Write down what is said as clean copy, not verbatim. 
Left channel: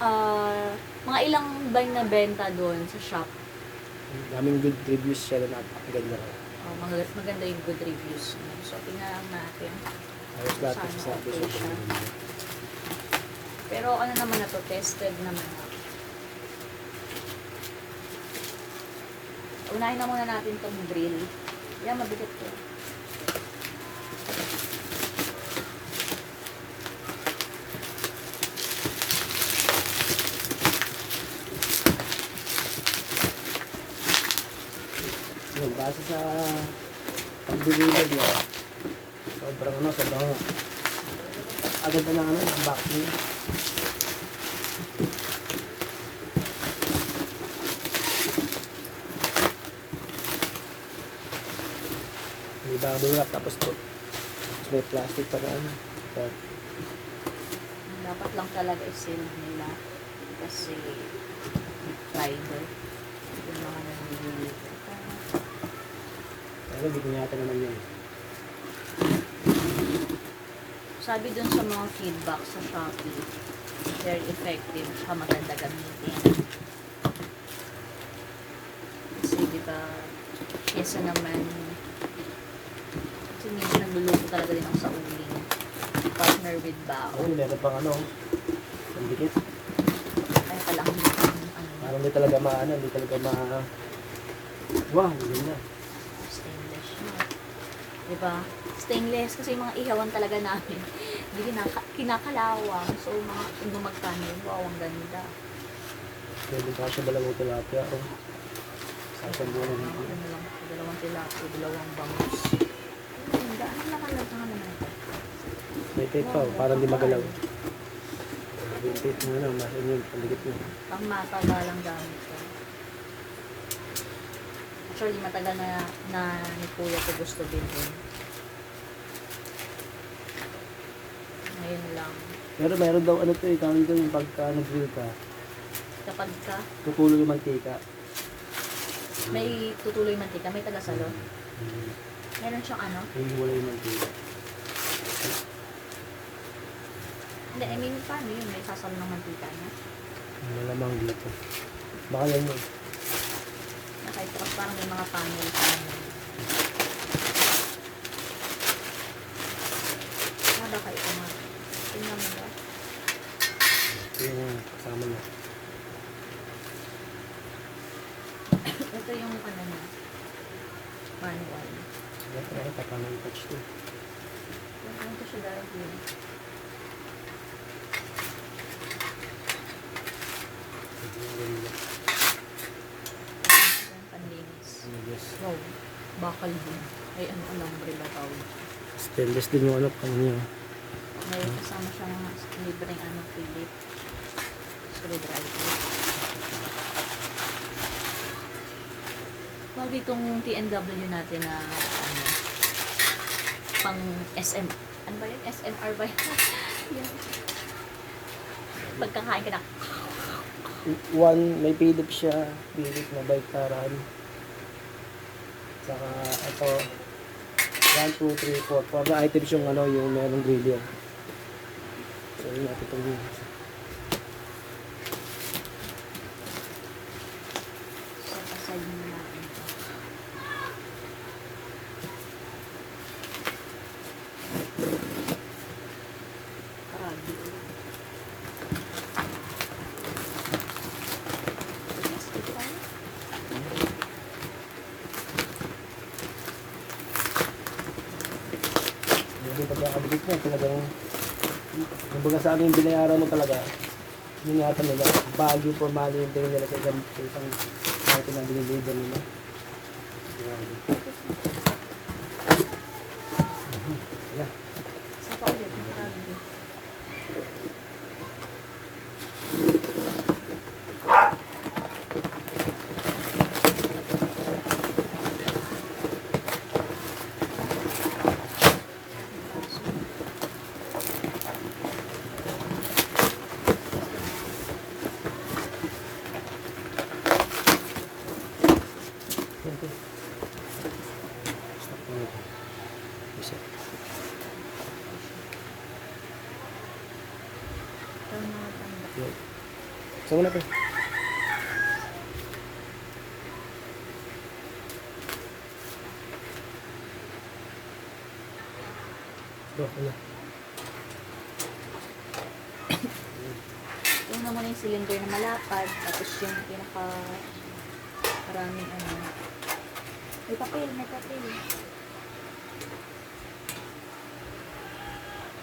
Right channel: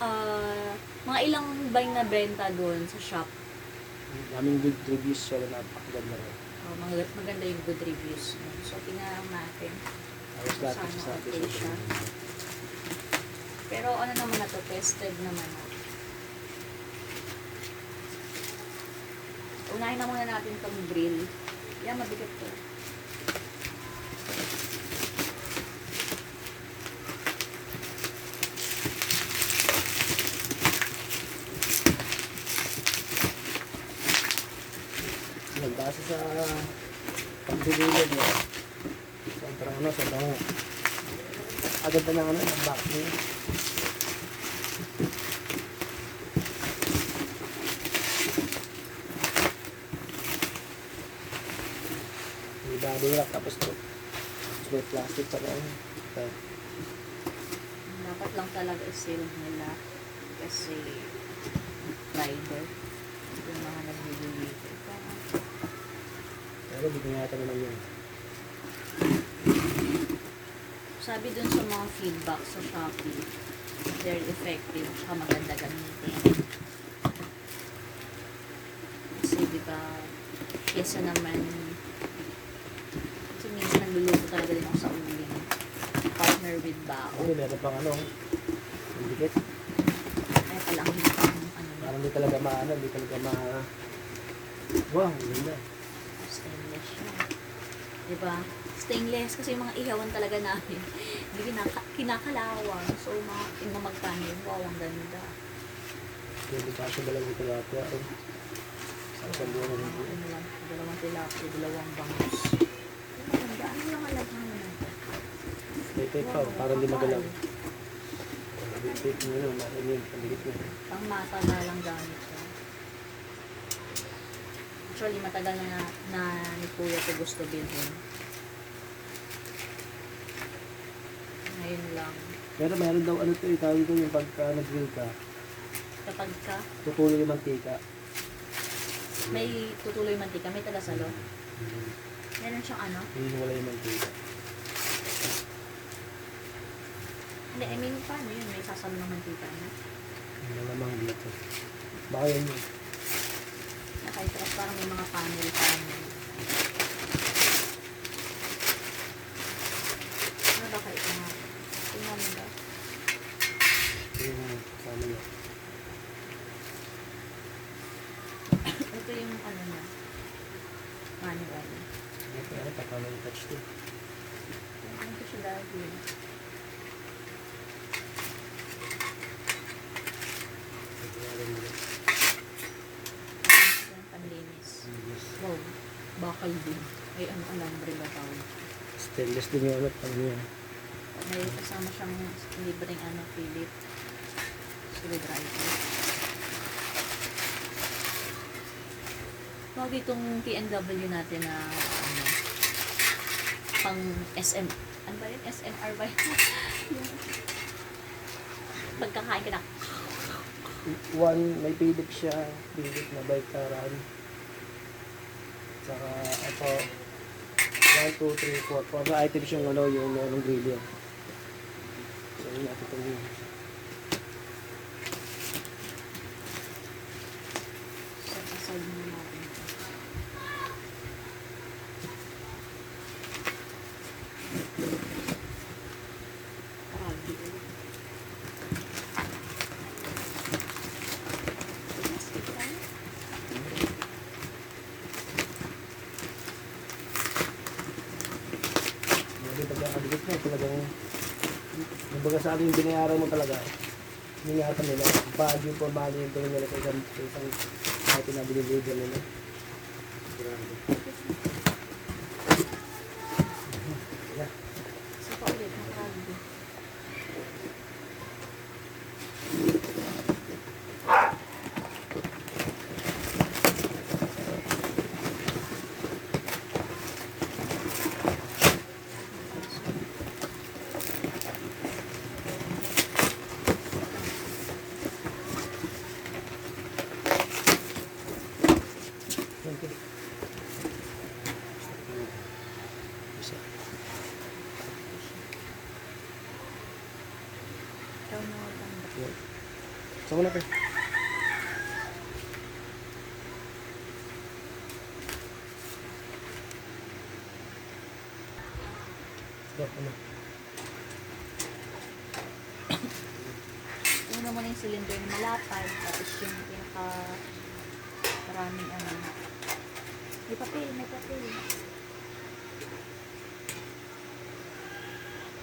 Mga ilang buy na benta doon sa shop. Daming good reviews siya na ganda rin. Maganda yung good reviews. So, tingnan natin. Ayos lahat Sana sa okay siya. Pero ano naman na to, tested naman na. Unahin na muna natin itong grill. Yan, mabigat to. Yung base sa pag-deliver niya, sobrang agad na unboxing. May bago wrap tapos may plastic pa rin. Dapat lang talaga i-seal nila kasi fiber. Yung mga nag-deliver. Pero hindi ko yata naman yun. Sabi dun sa mga feedback sa Shopee, very effective siya, maganda gamitin. Kasi diba, kesa naman, kasi minsan nagluluto talaga din ako sa uling. Partner with bao. Oo, meron pang ang dikit. Ay palang hitang Parang hindi talaga wow, ganda. stainless siya. Diba? Stainless kasi yung mga ihawan talaga namin. Hindi kinakalawang. So, mga magkano yun. Wow, ang ganda. Pwede ka sa dalawang tilapia. Sasabuan na rin. Ano lang, dalawang tilapia, dalawang bangus. Ang ganda. Ano lang ang lahat naman ito? May tape pa, parang di magalaw. May tape mo na, nasa inyo, paligit mo. Pang matagalang gamit ko. Actually, matagal na ni Kuya ko gusto bilhin. Ngayon lang. Pero meron daw tawag ito yung pagka nag-grill ka, Kapag ka, tutulo yung mantika. may tutuloy mantika, may tagasalo. Meron siyang ano? Hindi wala yung mantika. Hindi, I mean, paano yun? May sasalo ng mantika niya. Malamang dito. Baka yan yun. Kahit tapos parang may mga panel. Baka ito nga. Tingnan mo ba? Yung kasama niya. Ito yung ano niya. Manual. Kaya tatama yung touch to. Ito siya dahil. Panlinis. Yes. Wow. Bakal din. Ay, alambre ba tawag? Stainless din yung niya. May kasama siyang libreng Philip. Screwdriver. Huwag itong TNW natin na pang SM. Ano ba yun? SMR ba yun? Yung pagkakain ka na. May Philip siya. Philip na baliktaran. Saka ito 1, 2, 3, 4. 4 na items yung yung merong grill yan. So yun natin itong grill. So, aside mo natin ito. Paragi ulit. Yes, ito tayo. Hindi pagkakabilit mo talagang kumbaga sa akin yung binayaran mo talaga. Yung yata nila. Bagyo po mali yung tingin nila sa isang item na biniliver nila. Grabe. Isa pa ulit, nakaragi. Gusto mo na pa. Ano? Yung naman yung cylinder na malapad, tapos yung pinaka maraming ano. May papel, may papel.